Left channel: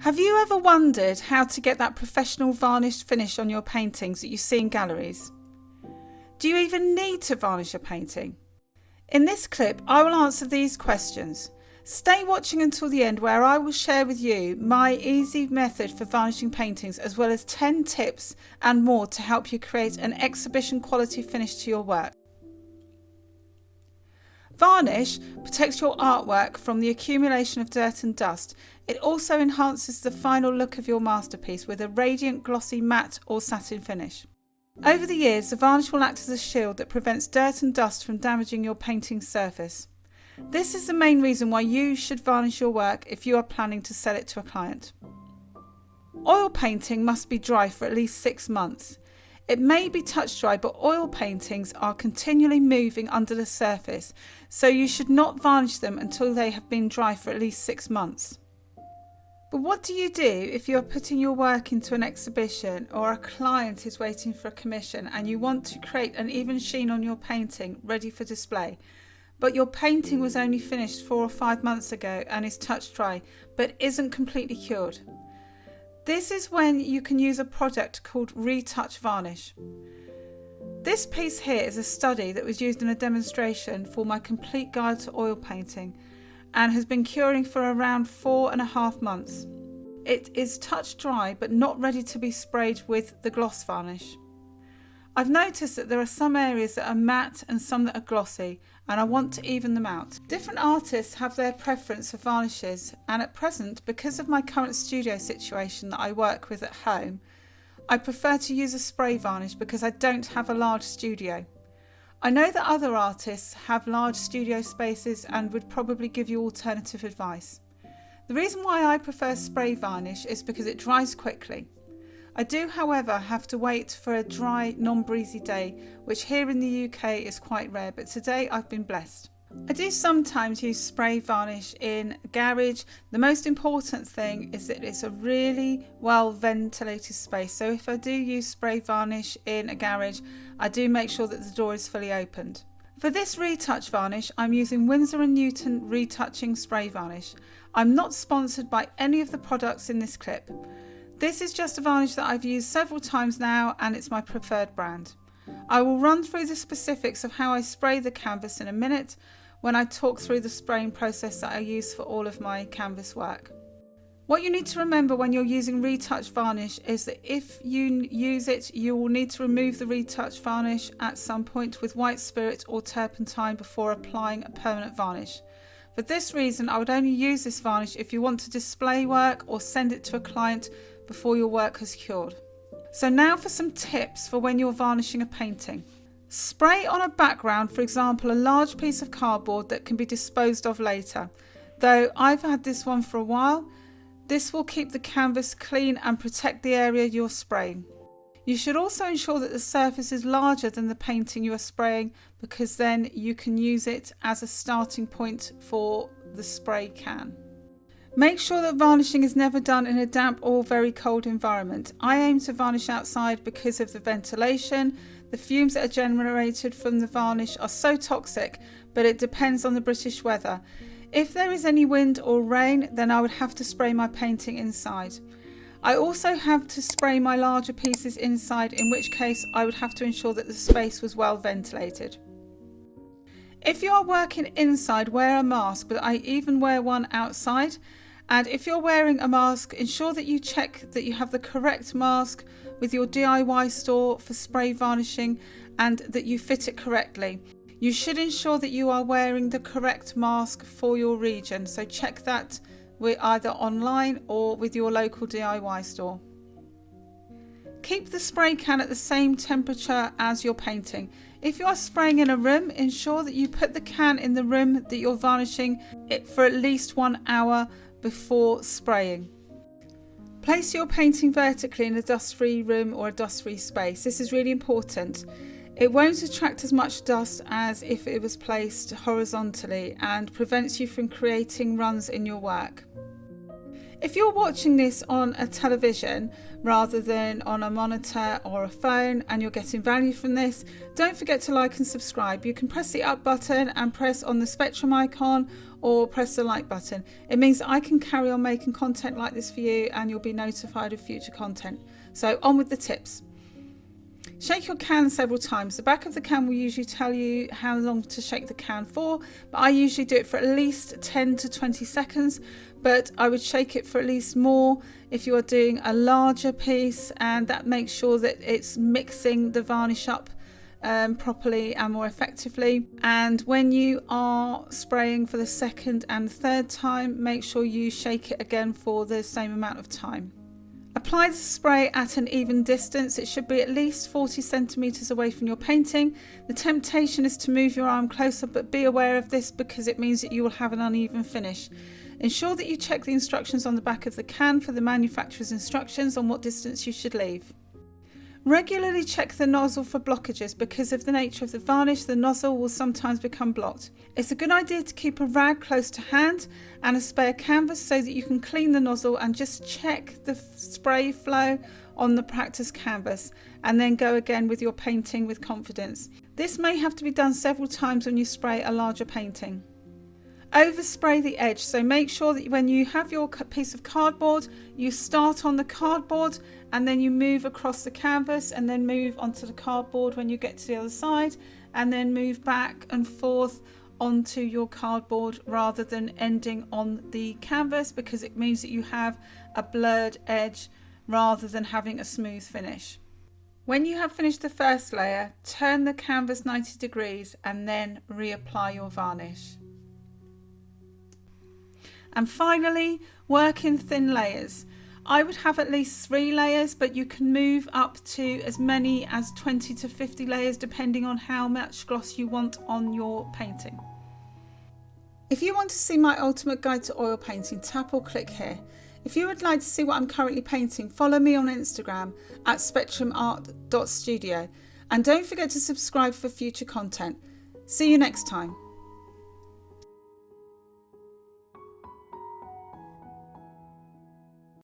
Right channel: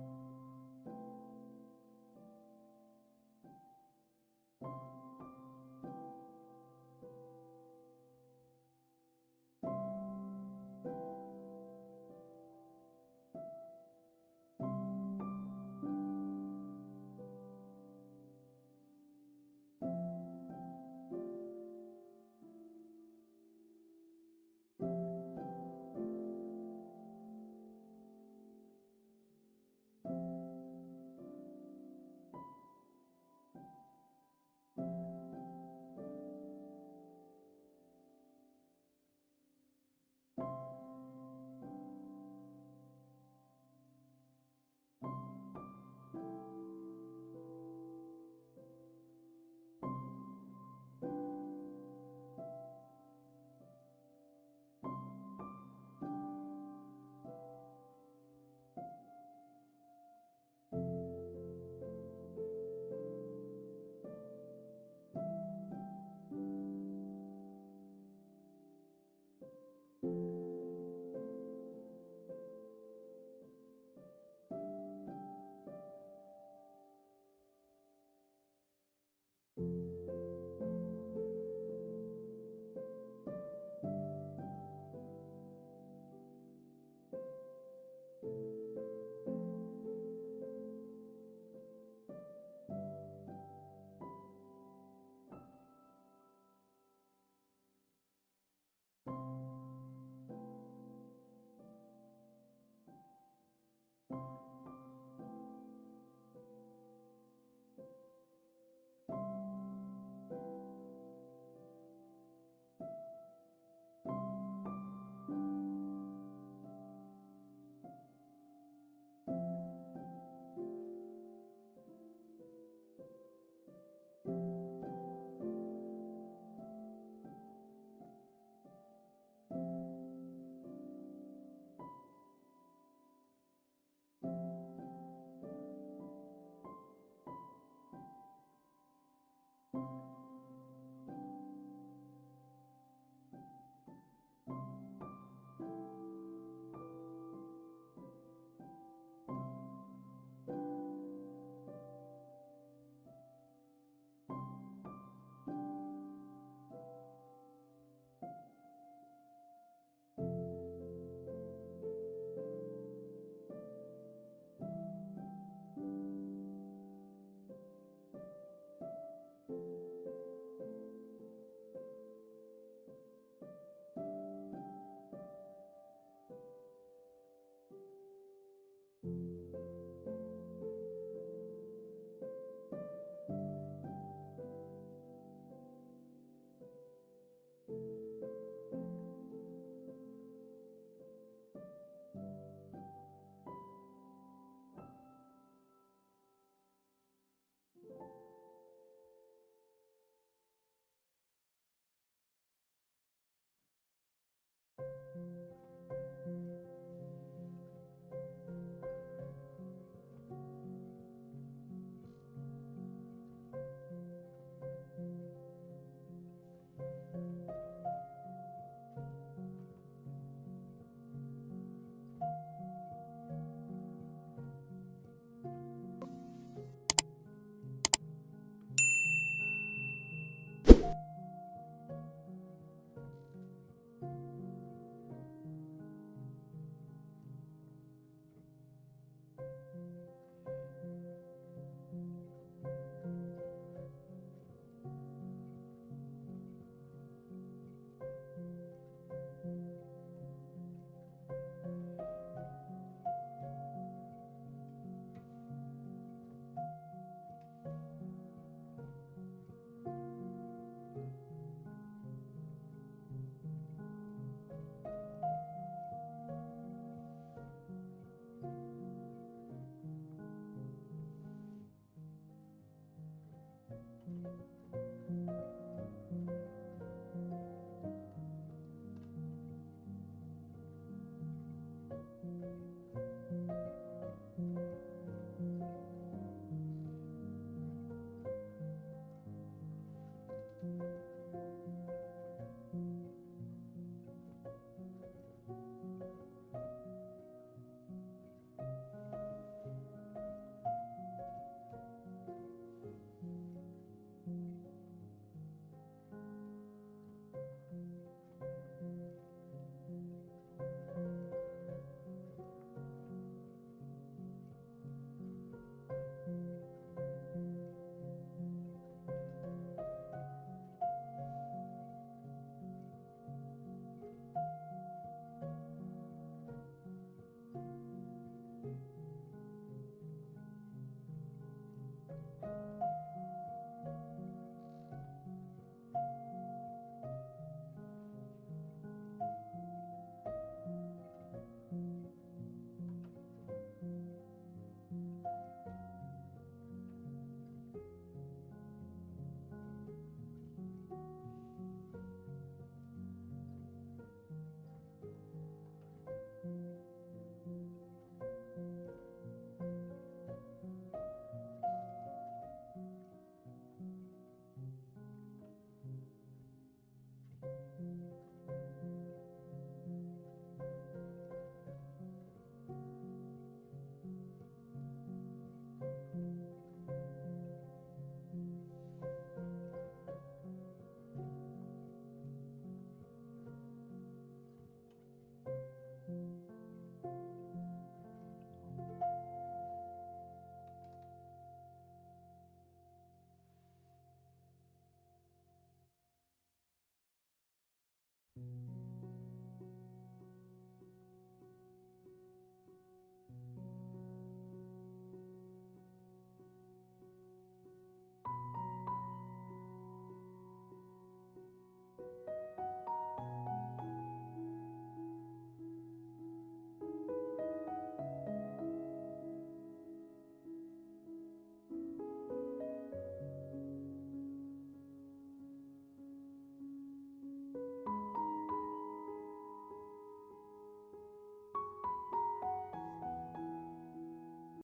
Have you ever wondered how to get that professional varnished finish on your paintings that you see in galleries? Do you even need to varnish a painting? In this clip, I will answer these questions. Stay watching until the end, where I will share with you my easy method for varnishing paintings, as well as 10 tips and more to help you create an exhibition quality finish to your work. Varnish protects your artwork from the accumulation of dirt and dust. It also enhances the final look of your masterpiece with a radiant, glossy, matte or satin finish. Over the years, the varnish will act as a shield that prevents dirt and dust from damaging your painting's surface. This is the main reason why you should varnish your work if you are planning to sell it to a client. Oil painting must be dry for at least 6 months. It may be touch dry, but oil paintings are continually moving under the surface, so you should not varnish them until they have been dry for at least 6 months. But what do you do if you are putting your work into an exhibition, or a client is waiting for a commission and you want to create an even sheen on your painting ready for display, but your painting was only finished 4 or 5 months ago and is touch dry but isn't completely cured? This is when you can use a product called Retouch Varnish. This piece here is a study that was used in a demonstration for my complete guide to oil painting and has been curing for around 4.5 months. It is touch dry but not ready to be sprayed with the gloss varnish. I've noticed that there are some areas that are matte and some that are glossy, and I want to even them out. Different artists have their preference for varnishes, and at present, because of my current studio situation that I work with at home, I prefer to use a spray varnish because I don't have a large studio. I know that other artists have large studio spaces and would probably give you alternative advice. The reason why I prefer spray varnish is because it dries quickly. I do, however, have to wait for a dry, non-breezy day, which here in the UK is quite rare, but today I've been blessed. I do sometimes use spray varnish in a garage. The most important thing is that it's a really well ventilated space. So if I do use spray varnish in a garage, I do make sure that the door is fully opened. For this retouch varnish, I'm using Winsor & Newton retouching spray varnish. I'm not sponsored by any of the products in this clip. This is just a varnish that I've used several times now, and it's my preferred brand. I will run through the specifics of how I spray the canvas in a minute when I talk through the spraying process that I use for all of my canvas work. What you need to remember when you're using retouch varnish is that if you use it, you will need to remove the retouch varnish at some point with white spirit or turpentine before applying a permanent varnish. For this reason, I would only use this varnish if you want to display work or send it to a client before your work has cured. So now for some tips for when you're varnishing a painting. Spray on a background, for example, a large piece of cardboard that can be disposed of later. Though I've had this one for a while, this will keep the canvas clean and protect the area you're spraying. You should also ensure that the surface is larger than the painting you are spraying, because then you can use it as a starting point for the spray can. Make sure that varnishing is never done in a damp or very cold environment. I aim to varnish outside because of the ventilation. The fumes that are generated from the varnish are so toxic, but it depends on the British weather. If there is any wind or rain, then I would have to spray my painting inside. I also have to spray my larger pieces inside, in which case I would have to ensure that the space was well ventilated. If you are working inside, wear a mask, but I even wear one outside. And if you're wearing a mask, ensure that you check that you have the correct mask with your DIY store for spray varnishing and that you fit it correctly. You should ensure that you are wearing the correct mask for your region, so check that either online or with your local DIY store. Keep the spray can at the same temperature as your painting. If you are spraying in a room, ensure that you put the can in the room that you're varnishing it for at least 1 hour before spraying. Place your painting vertically in a dust-free room or a dust-free space. This is really important. It won't attract as much dust as if it was placed horizontally and prevents you from creating runs in your work. If you're watching this on a television rather than on a monitor or a phone and you're getting value from this, don't forget to like and subscribe. You can press the up button and press on the spectrum icon or press the like button. It means that I can carry on making content like this for you and you'll be notified of future content. So on with the tips. Shake your can several times. The back of the can will usually tell you how long to shake the can for, but I usually do it for at least 10 to 20 seconds, but I would shake it for at least more if you are doing a larger piece, and that makes sure that it's mixing the varnish up properly and more effectively. And when you are spraying for the second and third time, make sure you shake it again for the same amount of time. Apply the spray at an even distance. It should be at least 40 centimeters away from your painting. The temptation is to move your arm closer, but be aware of this because it means that you will have an uneven finish. Ensure that you check the instructions on the back of the can for the manufacturer's instructions on what distance you should leave. Regularly check the nozzle for blockages. Because of the nature of the varnish, the nozzle will sometimes become blocked. It's a good idea to keep a rag close to hand and a spare canvas so that you can clean the nozzle and just check the spray flow on the practice canvas, and then go again with your painting with confidence. This may have to be done several times when you spray a larger painting. Overspray the edge, so make sure that when you have your piece of cardboard, you start on the cardboard and then you move across the canvas and then move onto the cardboard when you get to the other side, and then move back and forth onto your cardboard rather than ending on the canvas, because it means that you have a blurred edge rather than having a smooth finish. When you have finished the first layer, turn the canvas 90 degrees and then reapply your varnish. And finally, work in thin layers. I would have at least 3 layers, but you can move up to as many as 20 to 50 layers depending on how much gloss you want on your painting. If you want to see my ultimate guide to oil painting, tap or click here. If you would like to see what I'm currently painting, follow me on Instagram at spectrumart.studio, and don't forget to subscribe for future content. See you next time.